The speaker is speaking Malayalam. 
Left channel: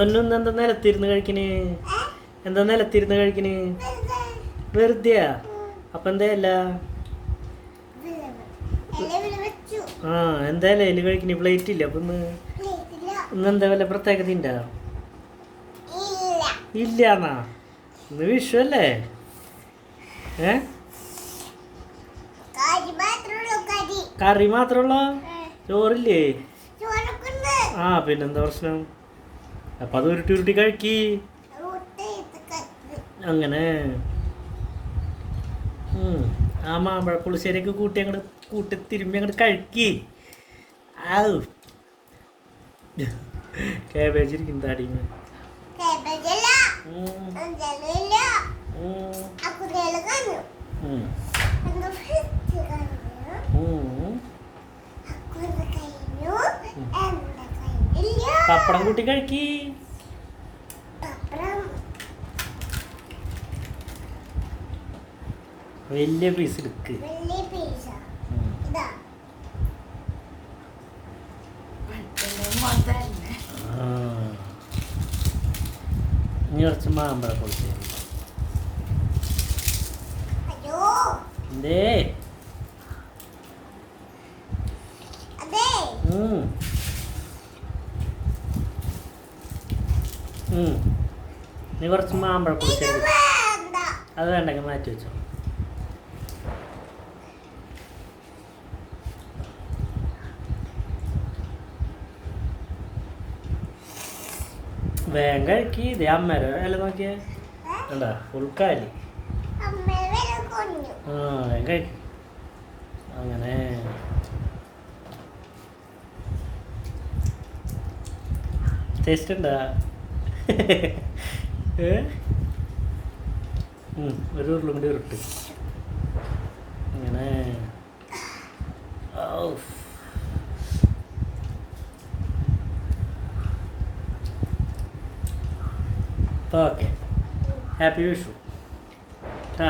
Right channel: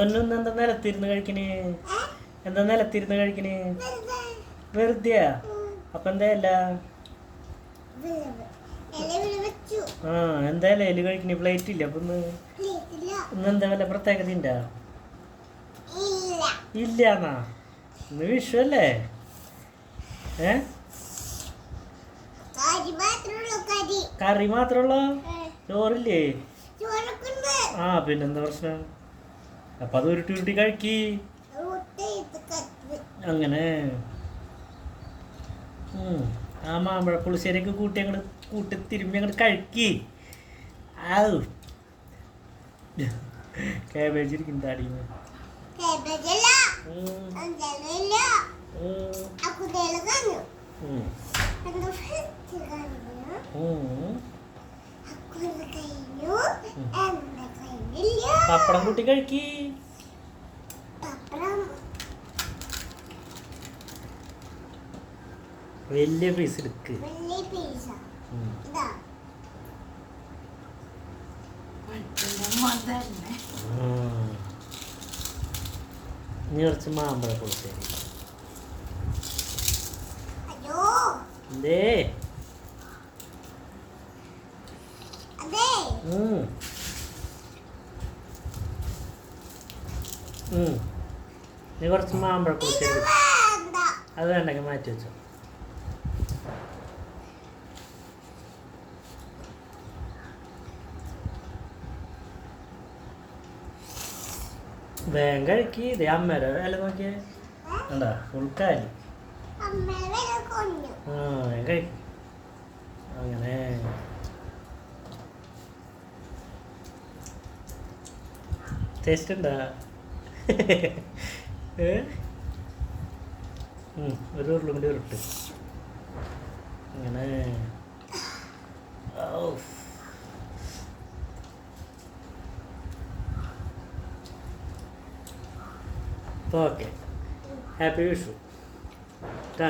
ഒന്നൊന്നും എന്താ നിലത്തിരുന്ന് കഴിക്കണേ? എന്താ നിലത്തിരുന്ന് കഴിക്കണേ? വെറുതെയാ? അപ്പൊ എന്താ അല്ല ആ എന്താ ഇല കഴിക്കണേ? പ്ലേറ്റ് ഇല്ല അപ്പൊ ഇന്നെന്താ വല്ല പ്രത്യേകത ഉണ്ടാ? ഇല്ലാന്നാ? ഇന്ന് വിഷു അല്ലേ? കറി മാത്രമുള്ള ചോറില്ലേ? ആ പിന്നെന്താ പ്രശ്നം? അപ്പൊ അത് ഉരുട്ടി ഉരുട്ടി കഴിക്കി. അങ്ങനെ ആ മാമ്പഴ പുളിശ്ശേരിയൊക്കെ കൂട്ടി അങ്ങോട്ട് കൂട്ടി തിരുമ്പി അങ്ങോട്ട് കഴിക്കി. ആ കാബേജ് ഇരിക്കും താടിന്ന്. പപ്പടം കൂട്ടി കഴിക്കി. വലിയ പീസ് എടുക്ക്. ഇനി കുറച്ച് മാമ്പഴ പുളിശ്ശേരി. എന്തേ? നീ കുറച്ച് മാമ്പഴ പുളിശ്ശേരി. അത് വേണ്ടെങ്കിൽ മാറ്റി വെച്ചോ. വേഗം കഴിക്കി. ഇതേ അമ്മേരെ വില നോക്കിയേ എന്താ ഫുൾക്കാലി. ആ വേഗം കഴിക്കും. അങ്ങനെ ടേസ്റ്റ് ഉണ്ടാ? ഒരു ഉരുളും കൂടി ഉരുട്ട്. അങ്ങനെ ഓക്കെ. ഹാപ്പി വിഷു. ആ